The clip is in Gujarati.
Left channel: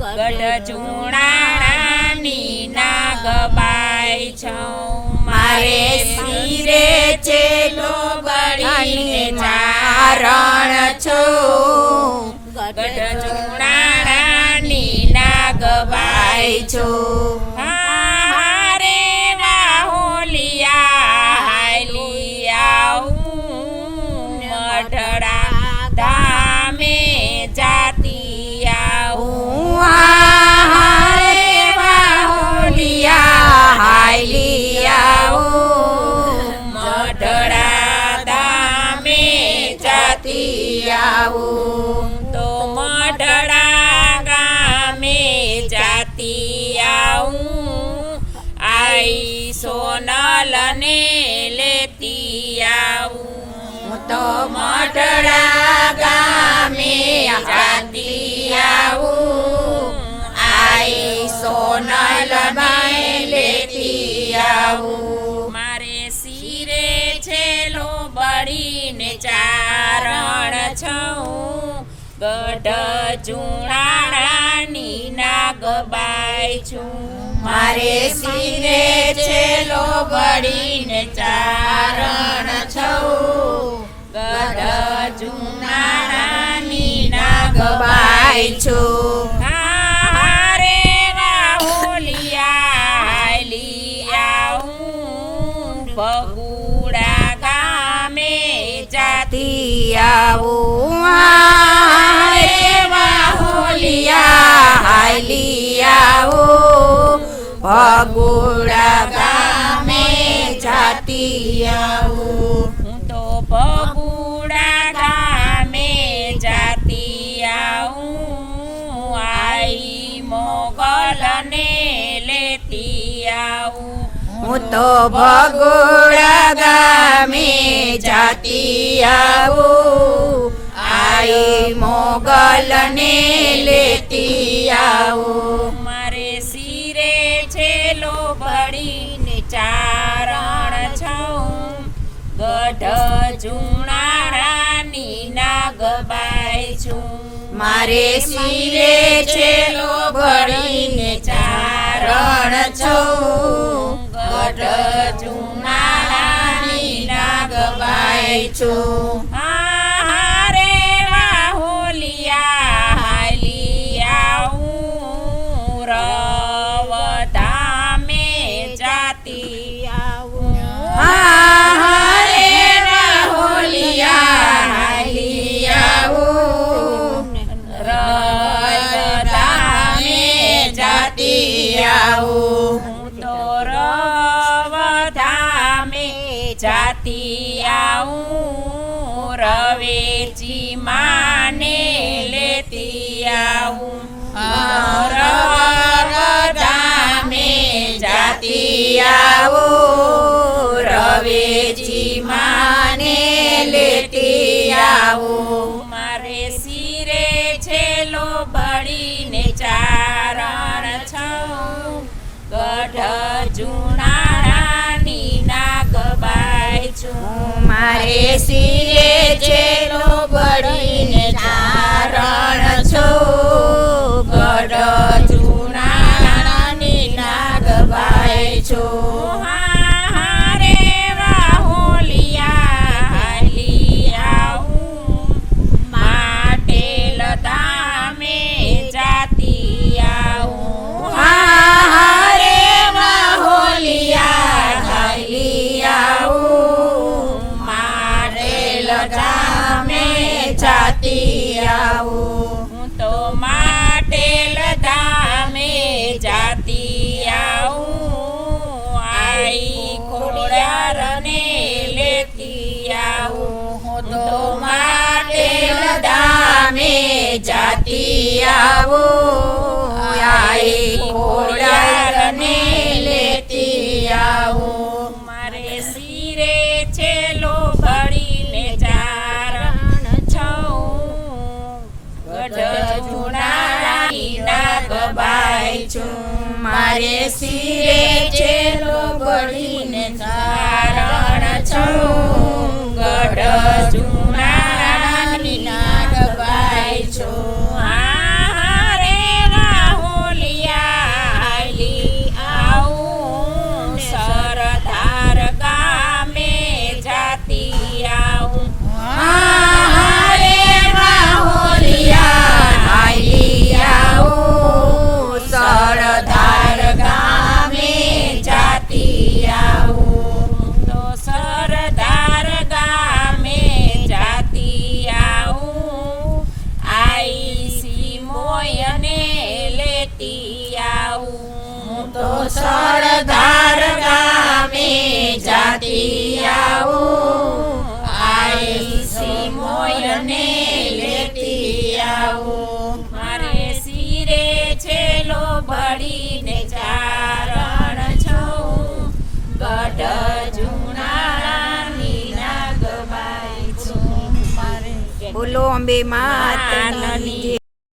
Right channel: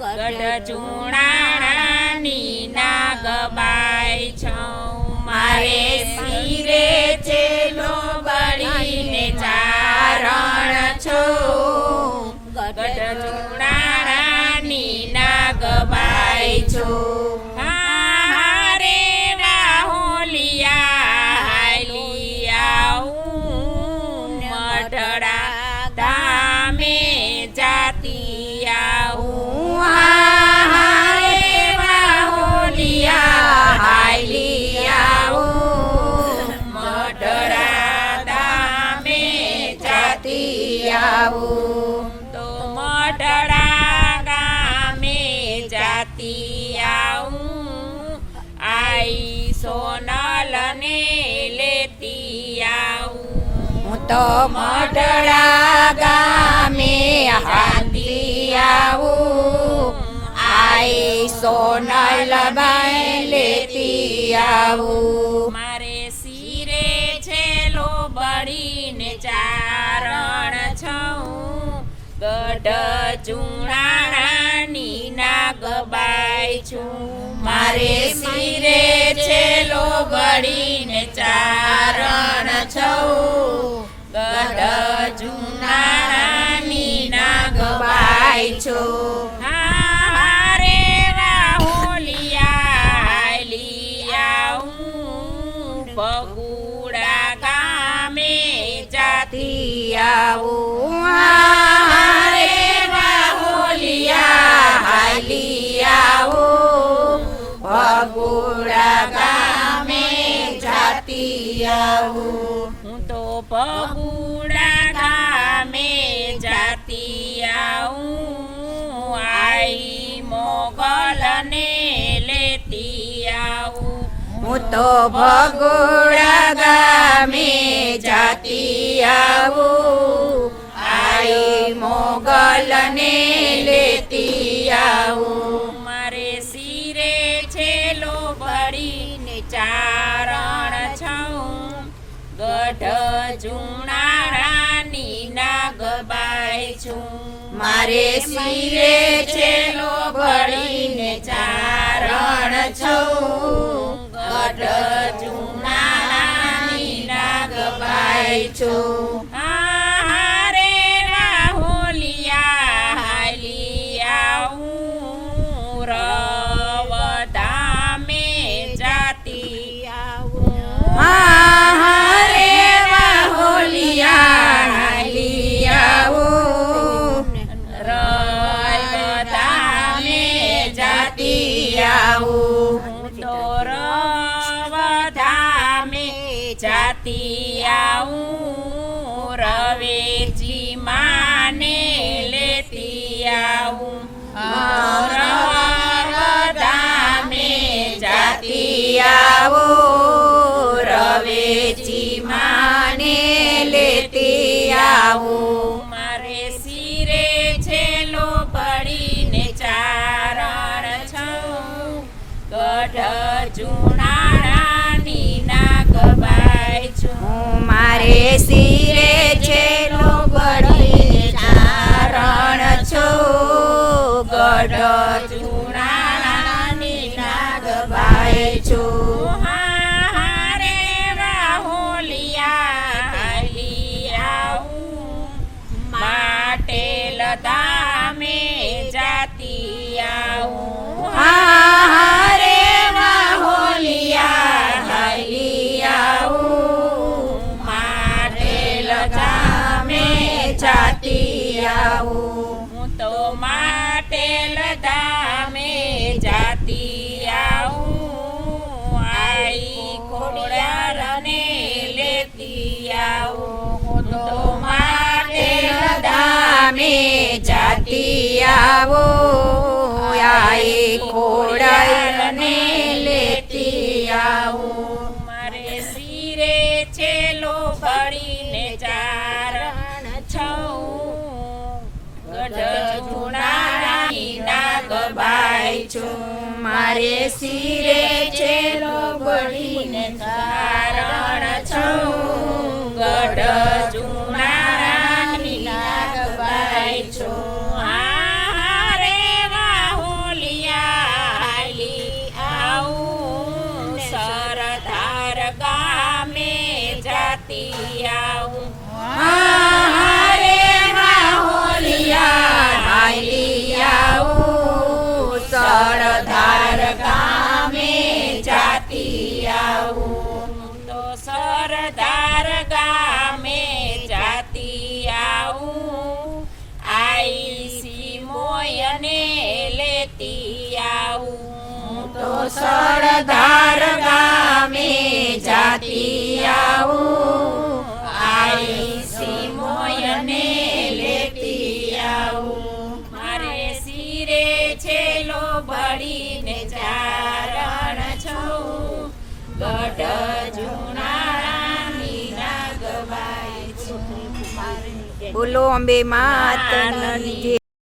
ગઢ ચૂણાની નાગ બાઈ છો. મારે શિરે ચેલો ગળીને ચારણ આવું. તો મઢડા ગામે જાતી આવું. આઈ સોનલને લેતી આવું. તો મઢડા ગામે હાંડી આવું. આઈ સોનલ બાઈ લેતી આવું. મારે શિરે છેલો બળીને છું ગઢ ચૂણાણાની છું. મારે શિરે છેલો બળીને ચારણ છઉ. ગઢ ચૂણાણાની નાગબાઈ છો. છું બગુડા ગામે જાતી આવું. હાયલી આવું ભગુડા ગામે જાતી આવું હું તો ભગુડા ગામે જાતી આવું આઈ મોગલને લેતી આવું હું તો ભગોડા ગામે જાતી આવું આઈ મોગલને લેતી આવું. મારે શિરે છેલો બળીને ચારણ છું ગઢ જુણારાની નાગબાઈ છું. મારે શિરે છેલો ભળીને ચારણ છું ગઢ જુનાની નાગબાઈ છું. જાતી આવું, રવેચી માને લેતી આવું. રવધામે જાતી આવો, રવેચી માને લેતી આવું. મારે શિરે છેલો પડીને ચારણ છું ગઢ હું મારે શિરે ધામે જાતી આવું આઈ ખોડિયારને લેતી આવું. તો માટેલ ધામે જાતી આઈ ખોડાને છું મારે સરદાર ગામે જાતી આવું આઈ મોયને લેતી આવું મારે શિરે છેલો બળીને ચારણ છું ગઢ જુનાળાની નાગબાઈ છું બોલો અંબે માતની